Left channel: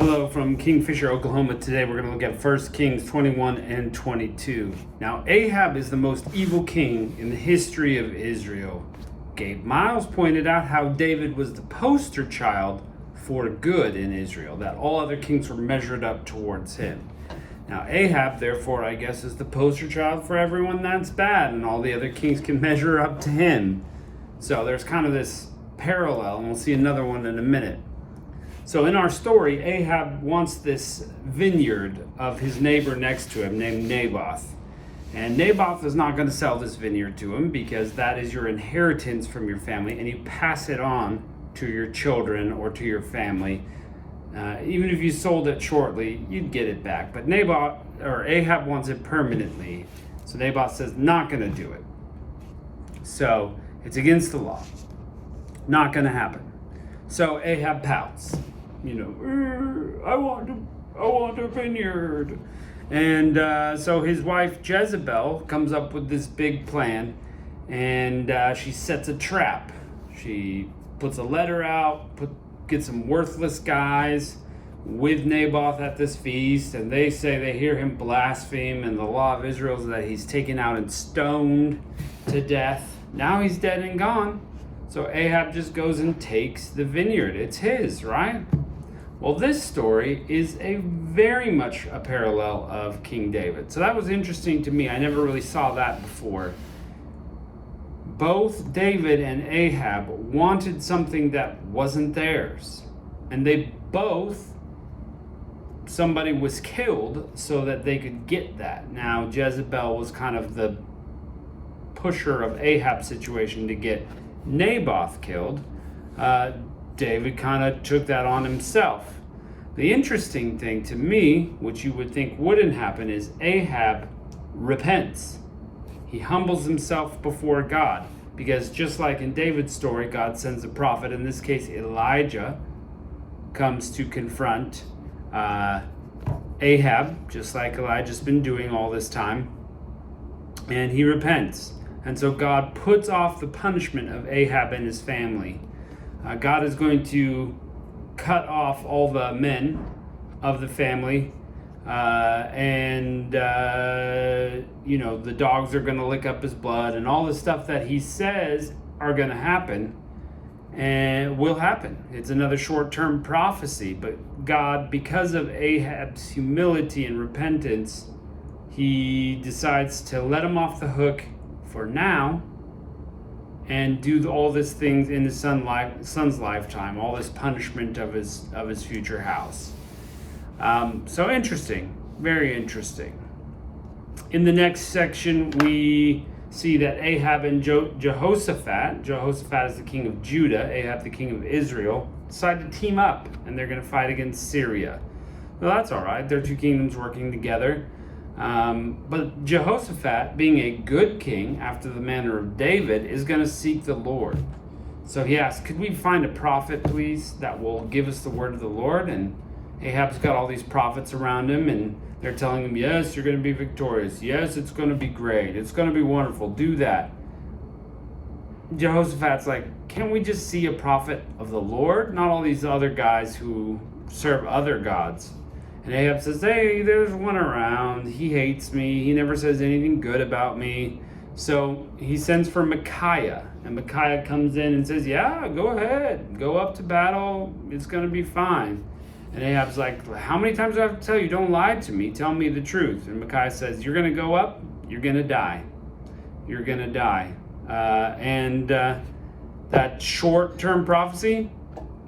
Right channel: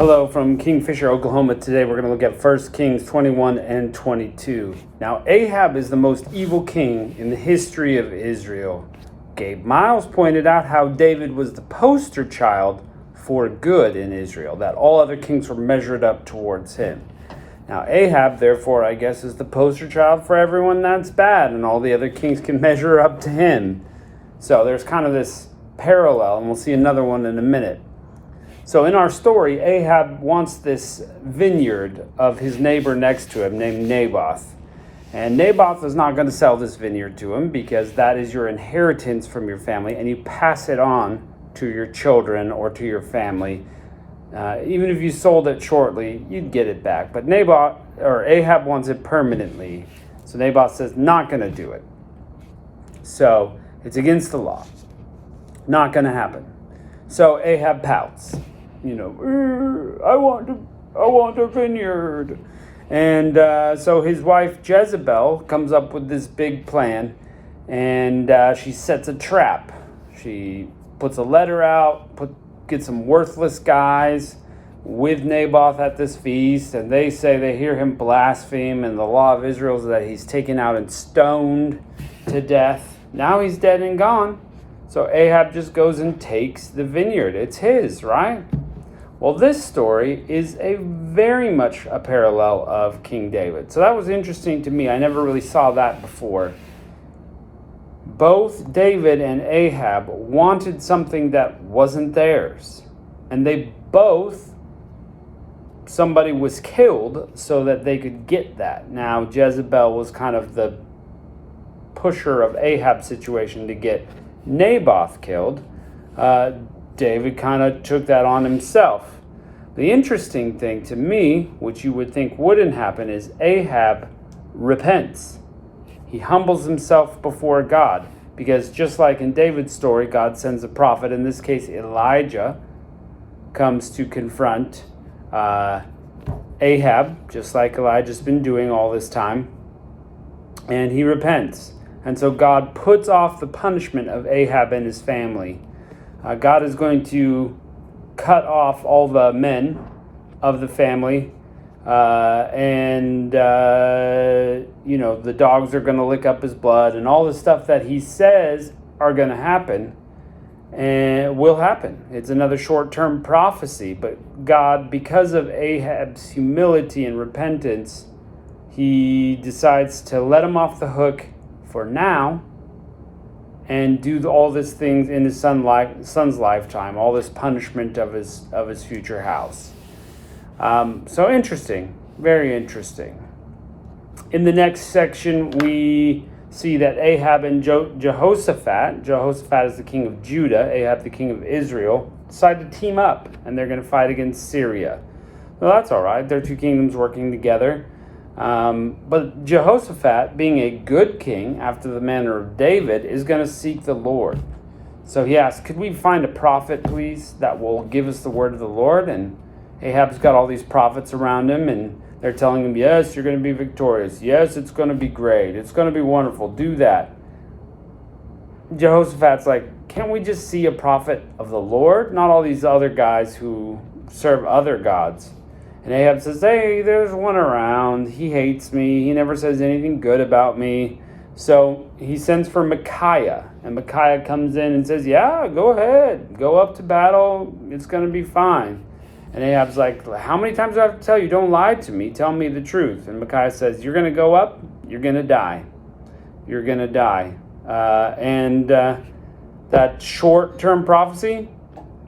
Hello from Kingfisher, Oklahoma. Today we're going to look at 1 Kings 21 and 22. Now, Ahab is the most evil king in the history of Israel. Gabe Miles pointed out how David was the poster child for good in Israel, that all other kings were measured up towards him. Now, Ahab, therefore, I guess, is the poster child for everyone that's bad, and all the other kings can measure up to him. So there's kind of this parallel, and we'll see another one in a minute. So in our story, Ahab wants this vineyard of his neighbor next to him named Naboth. And Naboth is not going to sell this vineyard to him because that is your inheritance from your family, and you pass it on to your children or to your family. Even if you sold it shortly, you'd get it back. But Ahab wants it permanently. So Naboth says, not going to do it. So it's against the law. Not going to happen. So Ahab pouts. I want a vineyard. And so his wife Jezebel comes up with this big plan, and she sets a trap. She puts a letter out, gets some worthless guys with Naboth at this feast, and they say they hear him blaspheme, and the law of Israel is that he's taken out and stoned to death. Now he's dead and gone. So Ahab just goes and takes the vineyard. It's his, right? Well, this story is very much a parallel of King David. So that was interesting to me. I never really saw that before. Both David and Ahab wanted something that wasn't theirs. And somebody was killed so that they could get that. Now, Jezebel was kind of the pusher of Ahab's situation to get Naboth killed. David kind of took that on himself. The interesting thing to me, which you would think wouldn't happen, is Ahab repents. He humbles himself before God, because just like in David's story, God sends a prophet, in this case Elijah, comes to confront Ahab, just like Elijah's been doing all this time, and he repents. And so God puts off the punishment of Ahab and his family. God is going to cut off all the men of the family, and the dogs are going to lick up his blood, and all the stuff that he says are going to happen and will happen. It's another short-term prophecy, but God, because of Ahab's humility and repentance, he decides to let him off the hook for now and do all these things in his son's lifetime, all this punishment of his future house. So interesting, very interesting. In the next section, we see that Ahab and Jehoshaphat is the king of Judah, Ahab the king of Israel, decide to team up, and they're going to fight against Syria. Well, that's all right. They're two kingdoms working together. But Jehoshaphat, being a good king after the manner of David, is going to seek the Lord. So he asks, could we find a prophet, please, that will give us the word of the Lord? And Ahab's got all these prophets around him, and they're telling him, yes, you're going to be victorious. Yes, it's going to be great. It's going to be wonderful. Do that. Jehoshaphat's like, can't we just see a prophet of the Lord? Not all these other guys who serve other gods. And Ahab says, hey, there's one around. He hates me. He never says anything good about me. So he sends for Micaiah. And Micaiah comes in and says, yeah, go ahead. Go up to battle. It's going to be fine. And Ahab's like, how many times do I have to tell you? Don't lie to me. Tell me the truth. And Micaiah says, you're going to go up. You're going to die. You're going to die. That short-term prophecy,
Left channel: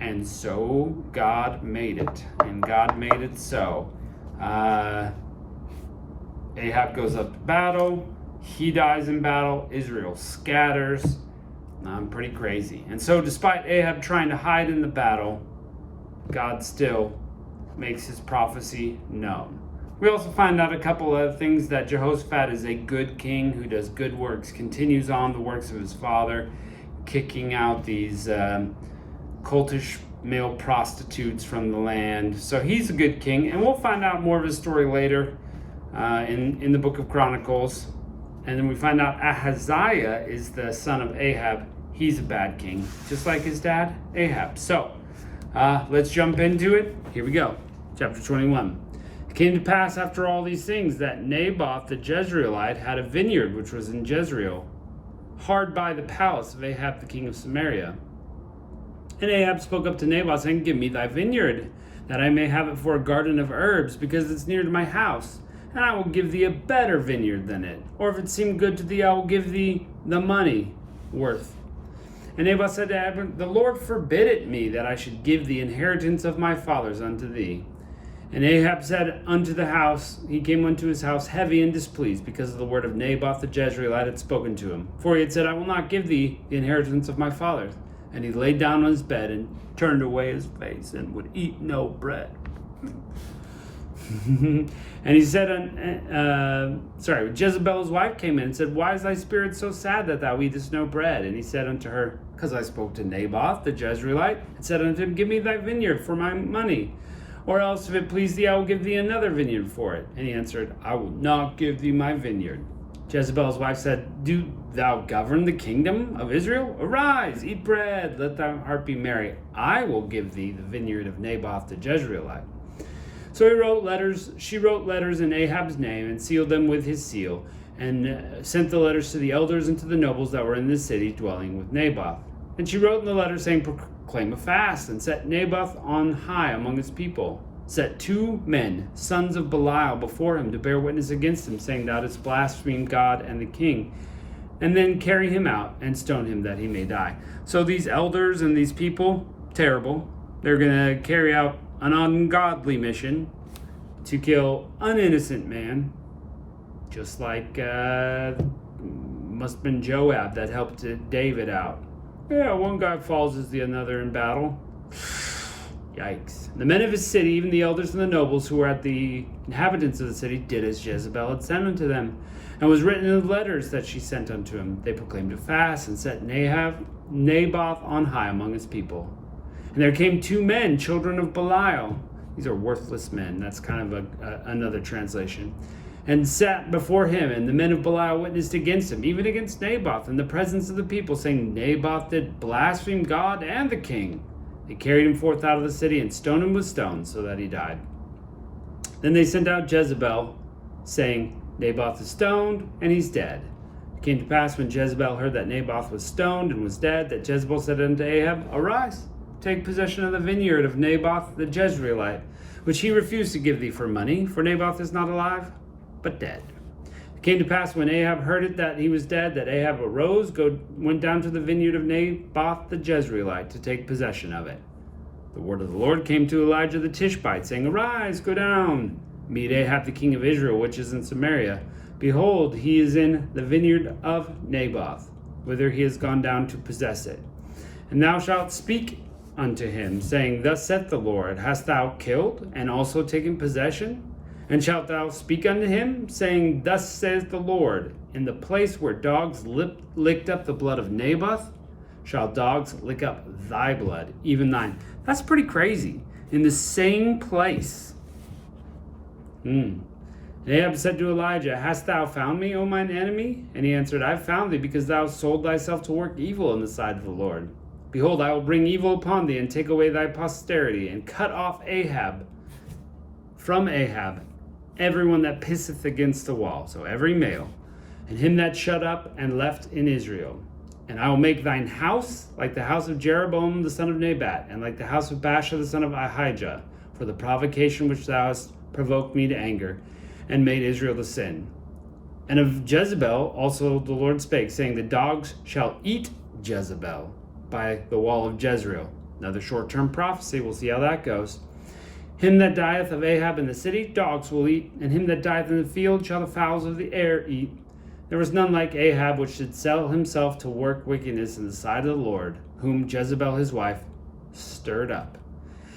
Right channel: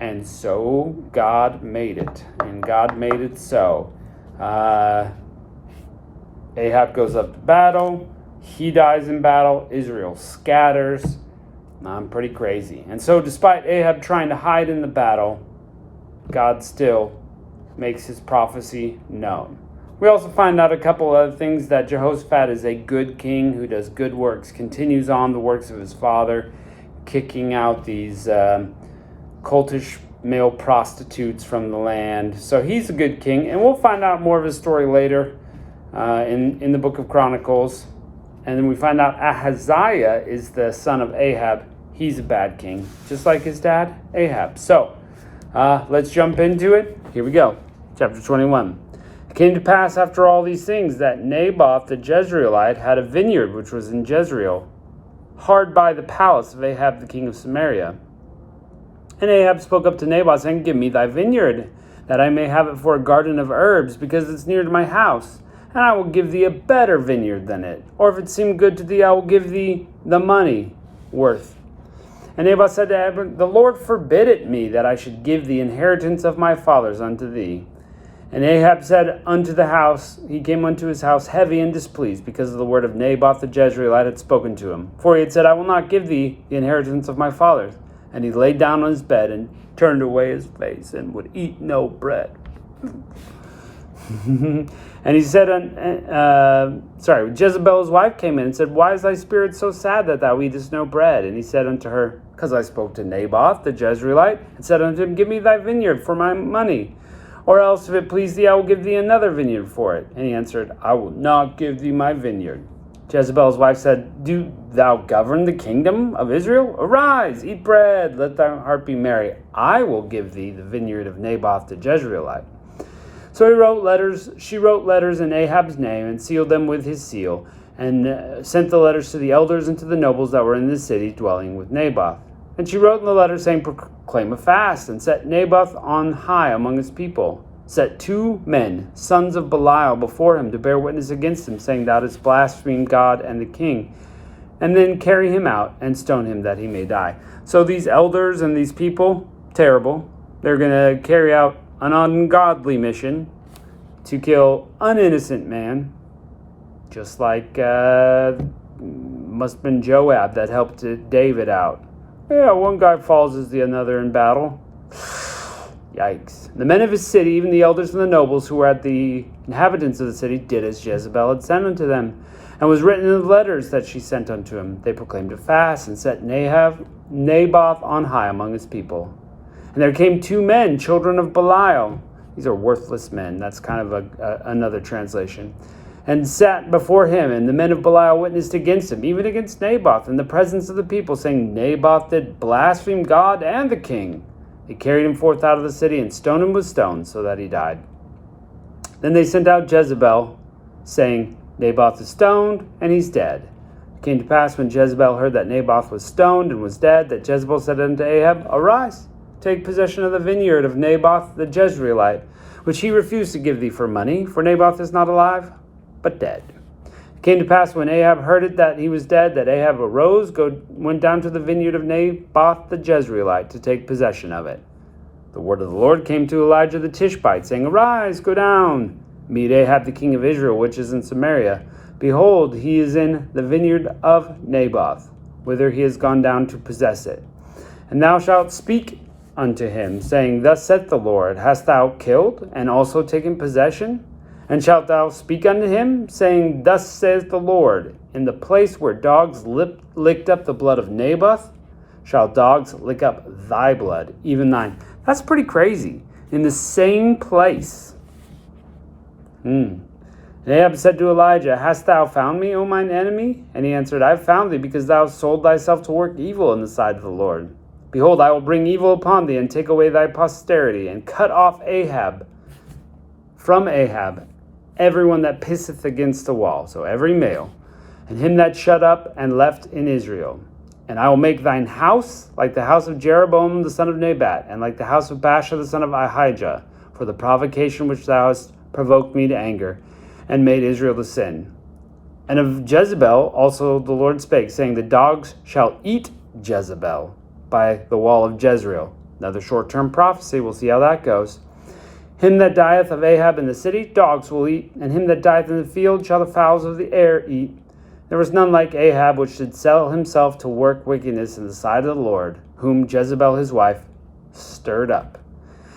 and so God made it. And God made it so. Ahab goes up to battle. He dies in battle. Israel scatters. Pretty crazy. And so despite Ahab trying to hide in the battle, God still makes his prophecy known. We also find out a couple other things, that Jehoshaphat is a good king who does good works, continues on the works of his father, kicking out these cultish male prostitutes from the land. So he's a good king, and we'll find out more of his story later in the book of Chronicles. And then we find out Ahaziah is the son of Ahab. He's a bad king, just like his dad, Ahab. So let's jump into it. Here we go. Chapter 21. It came to pass after all these things that Naboth the Jezreelite had a vineyard which was in Jezreel, hard by the palace of Ahab the king of Samaria. And Ahab spoke up to Naboth, saying, Give me thy vineyard, that I may have it for a garden of herbs, because it's near to my house. And I will give thee a better vineyard than it. Or if it seem good to thee, I will give thee the money worth. And Naboth said to Ahab, The Lord forbid it me, that I should give the inheritance of my fathers unto thee. And Ahab said unto the house, he came unto his house heavy and displeased, because of the word of Naboth the Jezreelite had spoken to him. For he had said, I will not give thee the inheritance of my fathers. And he lay down on his bed and turned away his face and would eat no bread. And he said, Jezebel his wife came in and said, Why is thy spirit so sad that thou eatest no bread? And he said unto her, Because I spoke to Naboth the Jezreelite, and said unto him, Give me thy vineyard for my money. Or else, if it please thee, I will give thee another vineyard for it. And he answered, I will not give thee my vineyard. Jezebel's wife said, Do thou govern the kingdom of Israel? Arise, eat bread, let thy heart be merry. I will give thee the vineyard of Naboth the Jezreelite. So she wrote letters in Ahab's name, and sealed them with his seal, and sent the letters to the elders and to the nobles that were in the city dwelling with Naboth. And she wrote in the letter, saying, Proclaim a fast, and set Naboth on high among his people. Set 2 men, sons of Belial, before him to bear witness against him, saying, Thou didst blaspheme God and the king. And then carry him out and stone him that he may die. So these elders and these people, terrible, they're going to carry out an ungodly mission to kill an innocent man, just like must have been Joab that helped David out. Yeah, one guy falls as the another in battle. Yikes. The men of his city, even the elders and the nobles who were at the inhabitants of the city, did as Jezebel had sent unto them, and was written in the letters that she sent unto him. They proclaimed a fast, and set Naboth on high among his people. And there came 2 men, children of Belial. These are worthless men. That's kind of another translation. And sat before him, and the men of Belial witnessed against him, even against Naboth, in the presence of the people, saying, Naboth did blaspheme God and the king. They carried him forth out of the city, and stoned him with stones, so that he died. Then they sent out Jezebel, saying, Naboth is stoned, and he's dead. It came to pass, when Jezebel heard that Naboth was stoned and was dead, that Jezebel said unto Ahab, Arise, take possession of the vineyard of Naboth the Jezreelite, which he refused to give thee for money, for Naboth is not alive, but dead. It came to pass, when Ahab heard it that he was dead, that Ahab arose, went down to the vineyard of Naboth the Jezreelite to take possession of it. The word of the Lord came to Elijah the Tishbite, saying, Arise, go down, meet Ahab the king of Israel, which is in Samaria. Behold, he is in the vineyard of Naboth, whither he has gone down to possess it. And thou shalt speak unto him, saying, Thus saith the Lord, Hast thou killed, and also taken possession? And shalt thou speak unto him, saying, Thus saith the Lord, In the place where dogs licked up the blood of Naboth, shall dogs lick up thy blood, even thine. That's pretty crazy. In the same place. And Ahab said to Elijah, Hast thou found me, O mine enemy? And he answered, I have found thee, because thou sold thyself to work evil in the sight of the Lord. Behold, I will bring evil upon thee, and take away thy posterity, and cut off from Ahab, everyone that pisseth against the wall, so every male, and him that shut up and left in Israel. And I will make thine house like the house of Jeroboam the son of Nebat, and like the house of Baasha the son of Ahijah, for the provocation which thou hast provoked me to anger, and made Israel to sin. And of Jezebel also the Lord spake, saying, The dogs shall eat Jezebel by the wall of Jezreel. Another short-term prophecy. We'll see how that goes. Him that dieth of Ahab in the city, dogs will eat, and him that dieth in the field shall the fowls of the air eat. There was none like Ahab, which should sell himself to work wickedness in the sight of the Lord, whom Jezebel his wife stirred up.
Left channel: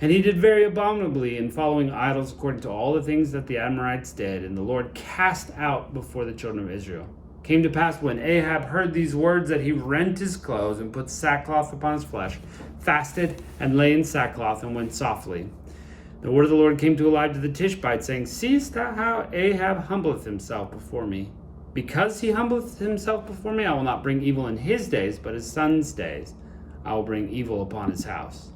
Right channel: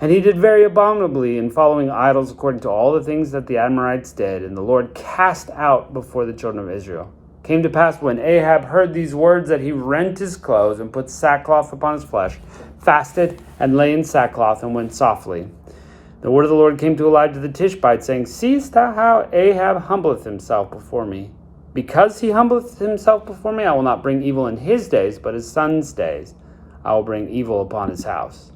And he did very abominably in following idols, according to all the things that the Amorites did, and the Lord cast out before the children of Israel. It came to pass, when Ahab heard these words, that he rent his clothes, and put sackcloth upon his flesh, fasted, and lay in sackcloth, and went softly. The word of the Lord came to Elijah the Tishbite, saying, Seest thou how Ahab humbleth himself before me? Because he humbleth himself before me, I will not bring evil in his days, but his son's days I will bring evil upon his house.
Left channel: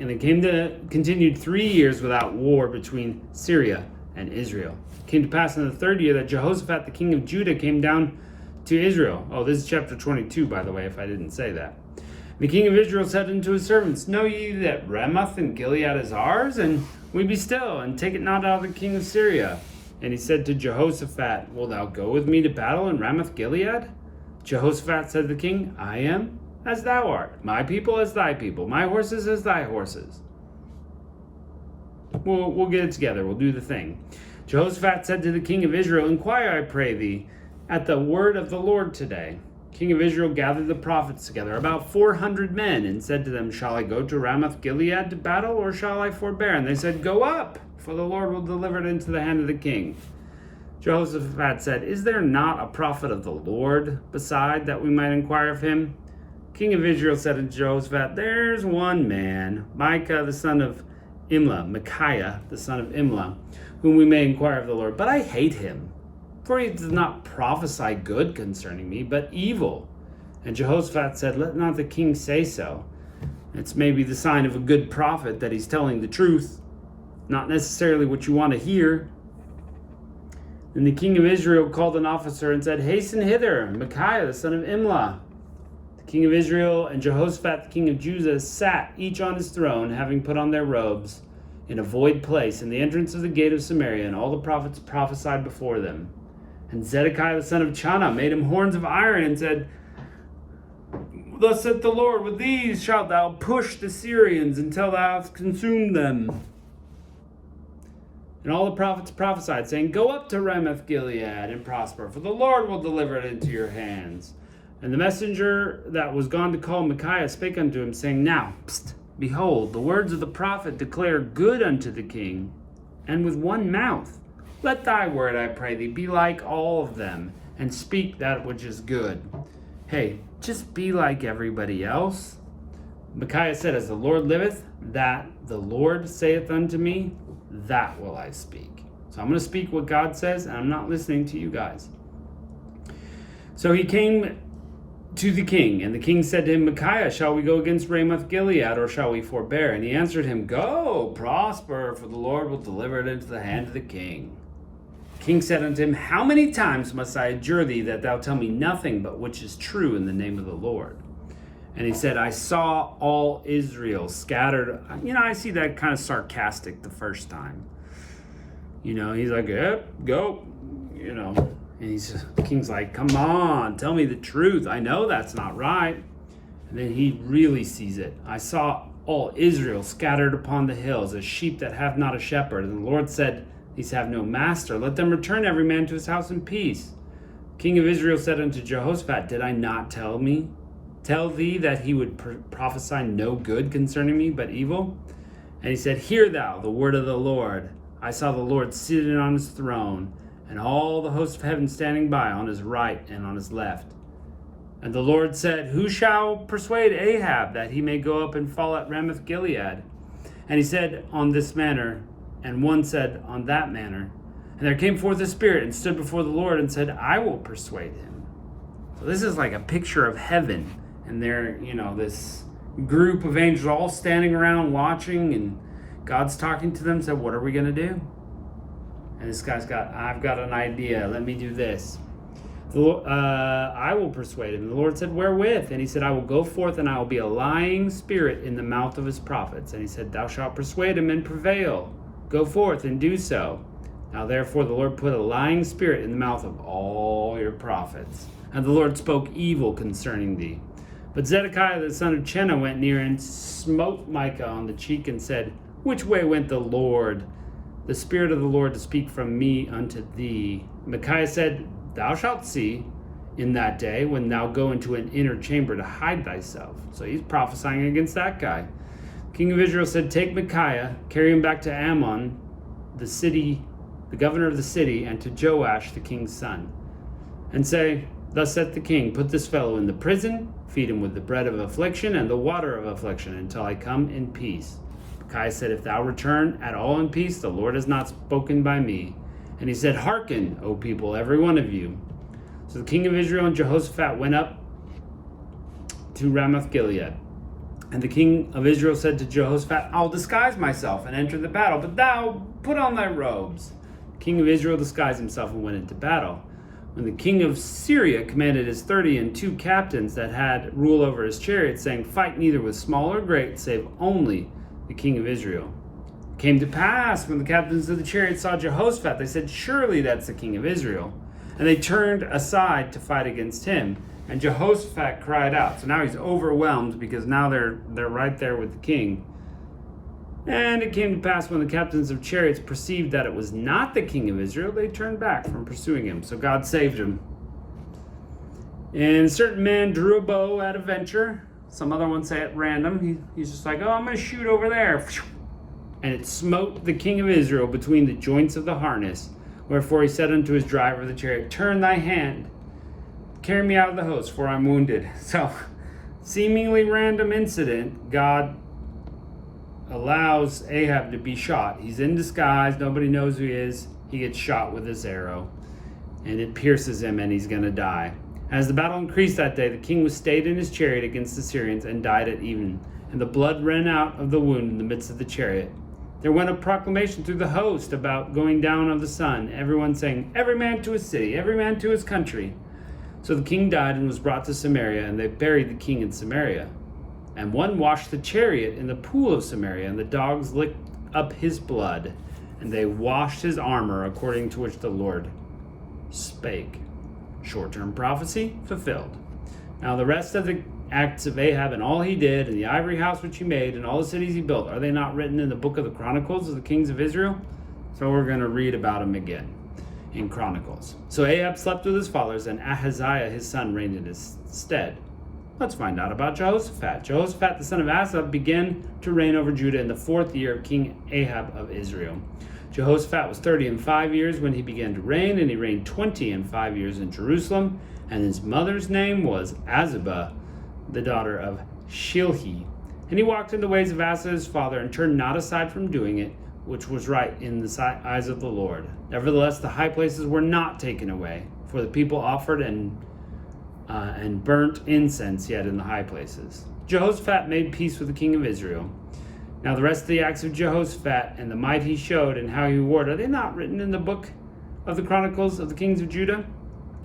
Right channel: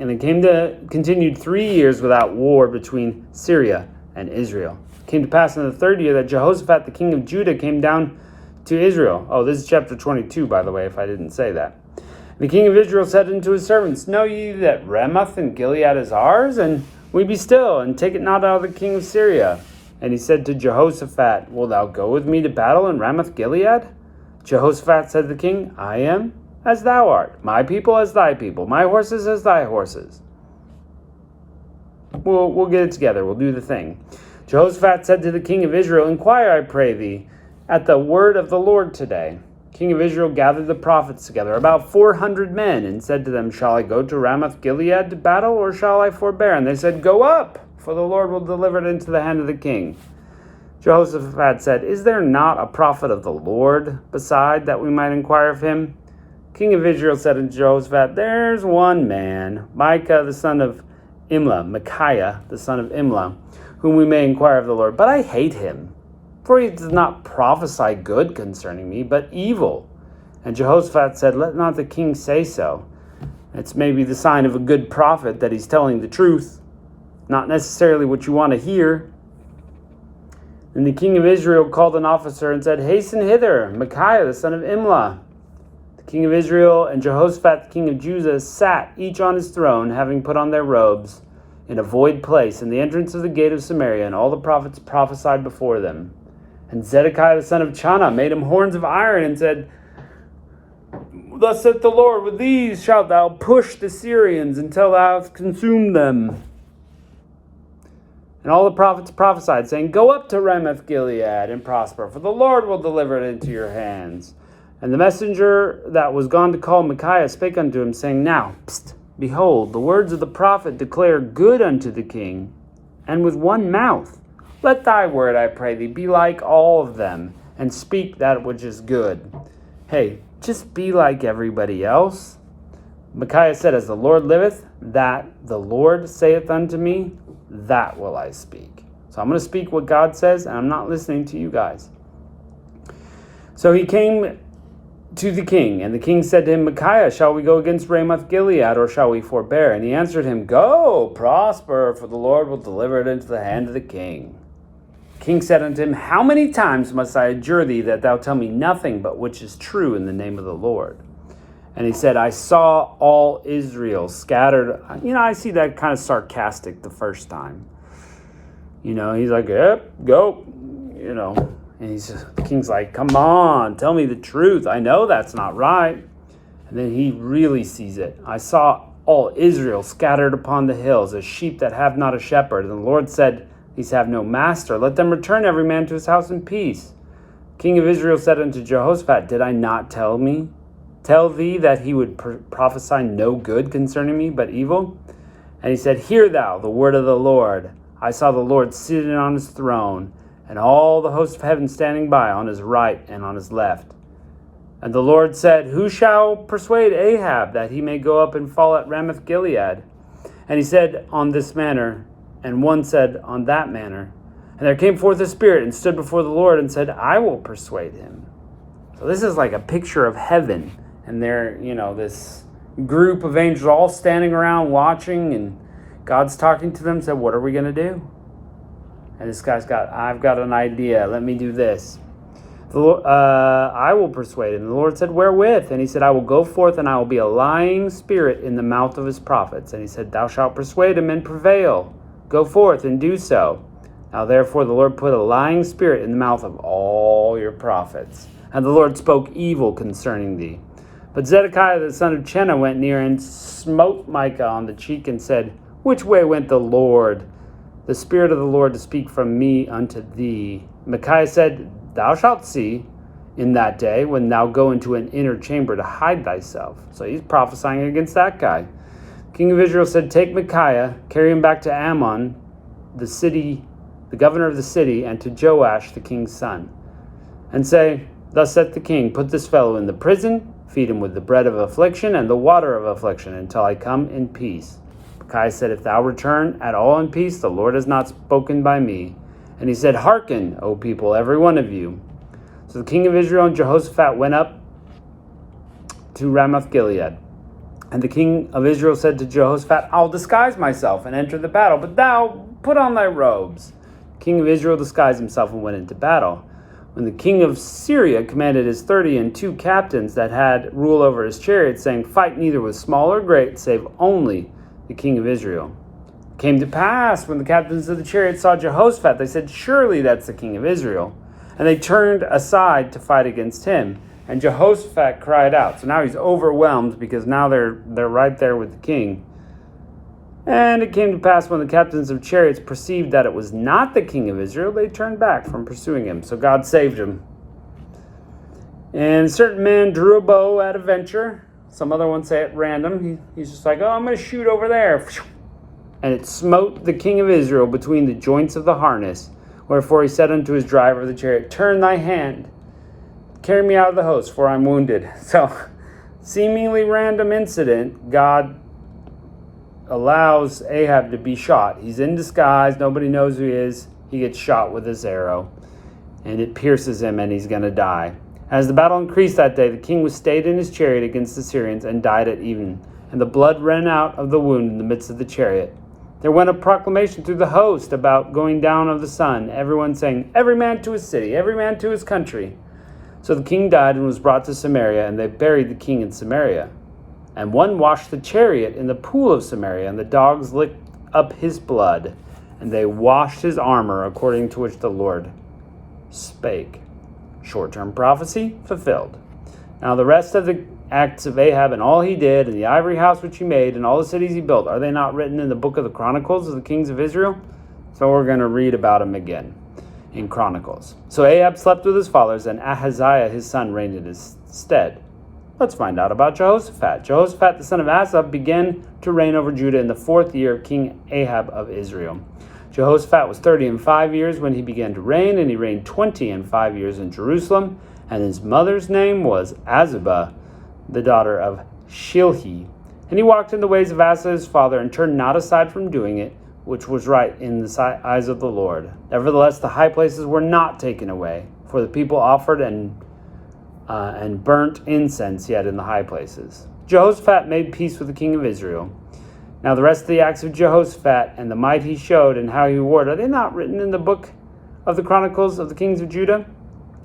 And it continued 3 years without war between Syria and Israel. It came to pass in the third year that Jehoshaphat, the king of Judah, came down to Israel. Oh, this is chapter 22, by the way, if I didn't say that. The king of Israel said unto his servants, Know ye that Ramoth and Gilead is ours? And we be still, and take it not out of the king of Syria. And he said to Jehoshaphat, Wilt thou go with me to battle in Ramoth Gilead? Jehoshaphat said to the king, I am as thou art, my people as thy people, my horses as thy horses. We'll get it together. We'll do the thing. Jehoshaphat said to the king of Israel, Inquire, I pray thee, at the word of the Lord today. King of Israel gathered the prophets together, about 400 men, and said to them, Shall I go to Ramoth Gilead to battle, or shall I forbear? And they said, Go up, for the Lord will deliver it into the hand of the king. Jehoshaphat said, Is there not a prophet of the Lord beside, that we might inquire of him? King of Israel said unto Jehoshaphat, There's one man, Micaiah the son of Imlah, whom we may inquire of the Lord. But I hate him, for he does not prophesy good concerning me, but evil. And Jehoshaphat said, Let not the king say so. It's maybe the sign of a good prophet that he's telling the truth, not necessarily what you want to hear. And the king of Israel called an officer and said, Hasten hither, Micaiah the son of Imlah. The king of Israel and Jehoshaphat the king of Judah sat each on his throne, having put on their robes, in a void place, in the entrance of the gate of Samaria, and all the prophets prophesied before them. And Zedekiah the son of Chanah made him horns of iron, and said, Thus saith the Lord, With these shalt thou push the Syrians until thou hast consumed them. And all the prophets prophesied, saying, Go up to Ramoth Gilead and prosper, for the Lord will deliver it into your hands. And the messenger that was gone to call Micaiah spake unto him, saying, Now, behold, the words of the prophet declare good unto the king, and with one mouth. Let thy word, I pray thee, be like all of them, and speak that which is good. Hey, just be like everybody else. Micaiah said, As the Lord liveth, that the Lord saith unto me, that will I speak. So I'm going to speak what God says, and I'm not listening to you guys. So he came to the king, and the king said to him, Micaiah, shall we go against Ramoth Gilead, or shall we forbear? And he answered him, Go, prosper, for the Lord will deliver it into the hand of the king. The king said unto him, How many times must I adjure thee that thou tell me nothing but which is true in the name of the Lord? And he said, I saw all Israel scattered. I see that kind of sarcastic the first time. He's like, Yep, go. And the king's like, Come on, tell me the truth. I know that's not right. And then he really sees it. I saw all Israel scattered upon the hills, as sheep that have not a shepherd. And the Lord said, These have no master. Let them return every man to his house in peace. The king of Israel said unto Jehoshaphat, Did I not tell thee that he would prophesy no good concerning me, but evil? And he said, Hear thou the word of the Lord. I saw the Lord sitting on his throne, and all the hosts of heaven standing by on his right and on his left. And the Lord said, Who shall persuade Ahab that he may go up and fall at Ramoth Gilead? And he said, On this manner. And one said, On that manner. And there came forth a spirit and stood before the Lord and said, I will persuade him. So this is like a picture of heaven. And they're, this group of angels all standing around watching, and God's talking to them, said, What are we going to do? And this guy's I've got an idea. Let me do this. I will persuade him. The Lord said, Wherewith? And he said, I will go forth, and I will be a lying spirit in the mouth of his prophets. And he said, Thou shalt persuade him and prevail. Go forth and do so. Now therefore the Lord put a lying spirit in the mouth of all your prophets. And the Lord spoke evil concerning thee. But Zedekiah the son of Chanah went near and smote Micaiah on the cheek and said, Which way went the Lord, the Spirit of the Lord, to speak from me unto thee? Micaiah said, Thou shalt see in that day, when thou go into an inner chamber to hide thyself. So he's prophesying against that guy. King of Israel said, Take Micaiah, carry him back to Ammon, the governor of the city, and to Joash the king's son, and say, Thus saith the king, Put this fellow in the prison, feed him with the bread of affliction and the water of affliction, until I come in peace. Micaiah said, If thou return at all in peace, the Lord has not spoken by me. And he said, Hearken, O people, every one of you. So the king of Israel and Jehoshaphat went up to Ramoth Gilead. And the king of Israel said to Jehoshaphat, I'll disguise myself and enter the battle, but thou put on thy robes. The king of Israel disguised himself and went into battle. When the king of Syria commanded his 32 captains that had rule over his chariots, saying, Fight neither with small or great, save only the king of Israel. It came to pass, when the captains of the chariots saw Jehoshaphat, they said, Surely that's the king of Israel. And they turned aside to fight against him. And Jehoshaphat cried out. So now he's overwhelmed because now they're right there with the king. And it came to pass when the captains of chariots perceived that it was not the king of Israel, they turned back from pursuing him. So God saved him. And a certain man drew a bow at a venture. Some other ones say at random. He's just like, I'm going to shoot over there. And it smote the king of Israel between the joints of the harness. Wherefore he said unto his driver of the chariot, Turn thy hand, carry me out of the host, for I'm wounded. So, seemingly random incident, God allows Ahab to be shot. He's in disguise, nobody knows who he is. He gets shot with his arrow, and it pierces him, and he's going to die. As the battle increased that day, the king was stayed in his chariot against the Syrians, and died at even. And the blood ran out of the wound in the midst of the chariot. There went a proclamation through the host about going down of the sun, everyone saying, Every man to his city, every man to his country. So the king died and was brought to Samaria, and they buried the king in Samaria. And one washed the chariot in the pool of Samaria, and the dogs licked up his blood, and they washed his armor, according to which the Lord spake. Short-term prophecy fulfilled. Now the rest of the acts of Ahab and all he did, and the ivory house which he made, and all the cities he built, are they not written in the book of the Chronicles of the kings of Israel? So we're going to read about him again in Chronicles. So Ahab slept with his fathers, and Ahaziah his son reigned in his stead. Let's find out about Jehoshaphat. Jehoshaphat the son of Asa began to reign over Judah in the 4th year of King Ahab of Israel. Jehoshaphat was 35 years when he began to reign, and he reigned 25 years in Jerusalem. And his mother's name was Azubah, the daughter of Shilhi. And he walked in the ways of Asa his father, and turned not aside from doing it, which was right in the eyes of the Lord. Nevertheless, the high places were not taken away, for the people offered and burnt incense yet in the high places. Jehoshaphat made peace with the king of Israel. Now the rest of the acts of Jehoshaphat, and the might he showed, and how he warred, are they not written in the book of the Chronicles of the kings of Judah?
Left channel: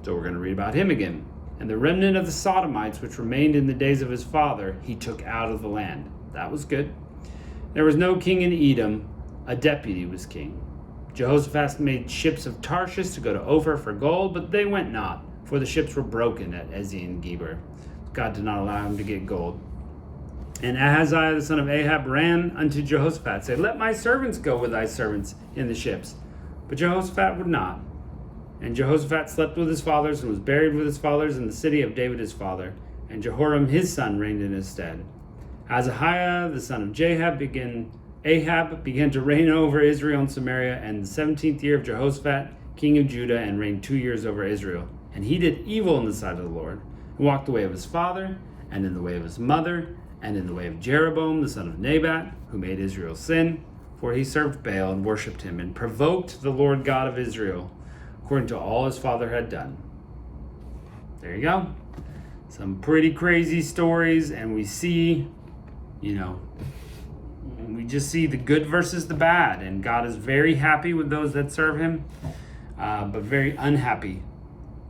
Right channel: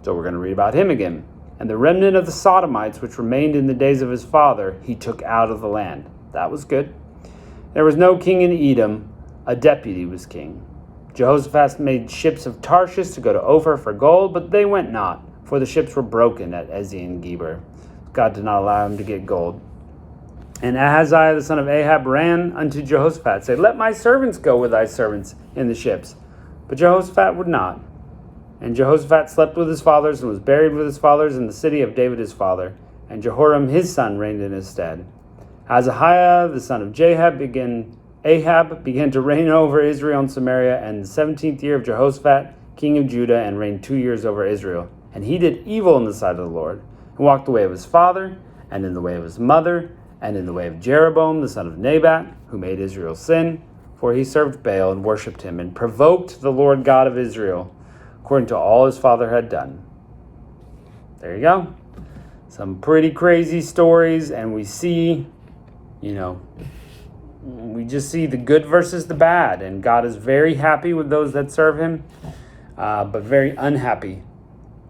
So we're going to read about him again. And the remnant of the Sodomites, which remained in the days of his father, he took out of the land. That was good. There was no king in Edom. A deputy was king. Jehoshaphat made ships of Tarshish to go to Ophir for gold, but they went not, for the ships were broken at Ezion-Geber. God did not allow him to get gold. And Ahaziah the son of Ahab ran unto Jehoshaphat, said, Let my servants go with thy servants in the ships. But Jehoshaphat would not. And Jehoshaphat slept with his fathers, and was buried with his fathers in the city of David his father. And Jehoram his son reigned in his stead. Ahaziah the son of Ahab began to reign over Israel and Samaria, and the 17th year of Jehoshaphat, king of Judah, and reigned 2 years over Israel. And he did evil in the sight of the Lord, and walked the way of his father, and in the way of his mother, and in the way of Jeroboam the son of Nebat, who made Israel sin, for he served Baal and worshipped him, and provoked the Lord God of Israel, according to all his father had done. There you go. Some pretty crazy stories, and we see, we just see the good versus the bad, and God is very happy with those that serve him, but very unhappy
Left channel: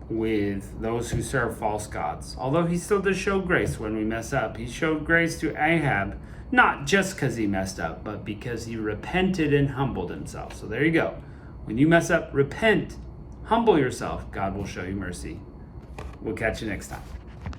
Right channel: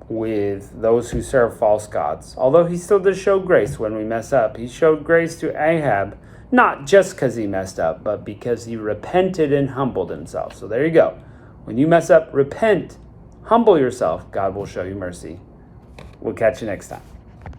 with those who serve false gods. Although he still does show grace when we mess up. He showed grace to Ahab, not just because he messed up, but because he repented and humbled himself. So there you go. When you mess up, repent, humble yourself. God will show you mercy. We'll catch you next time.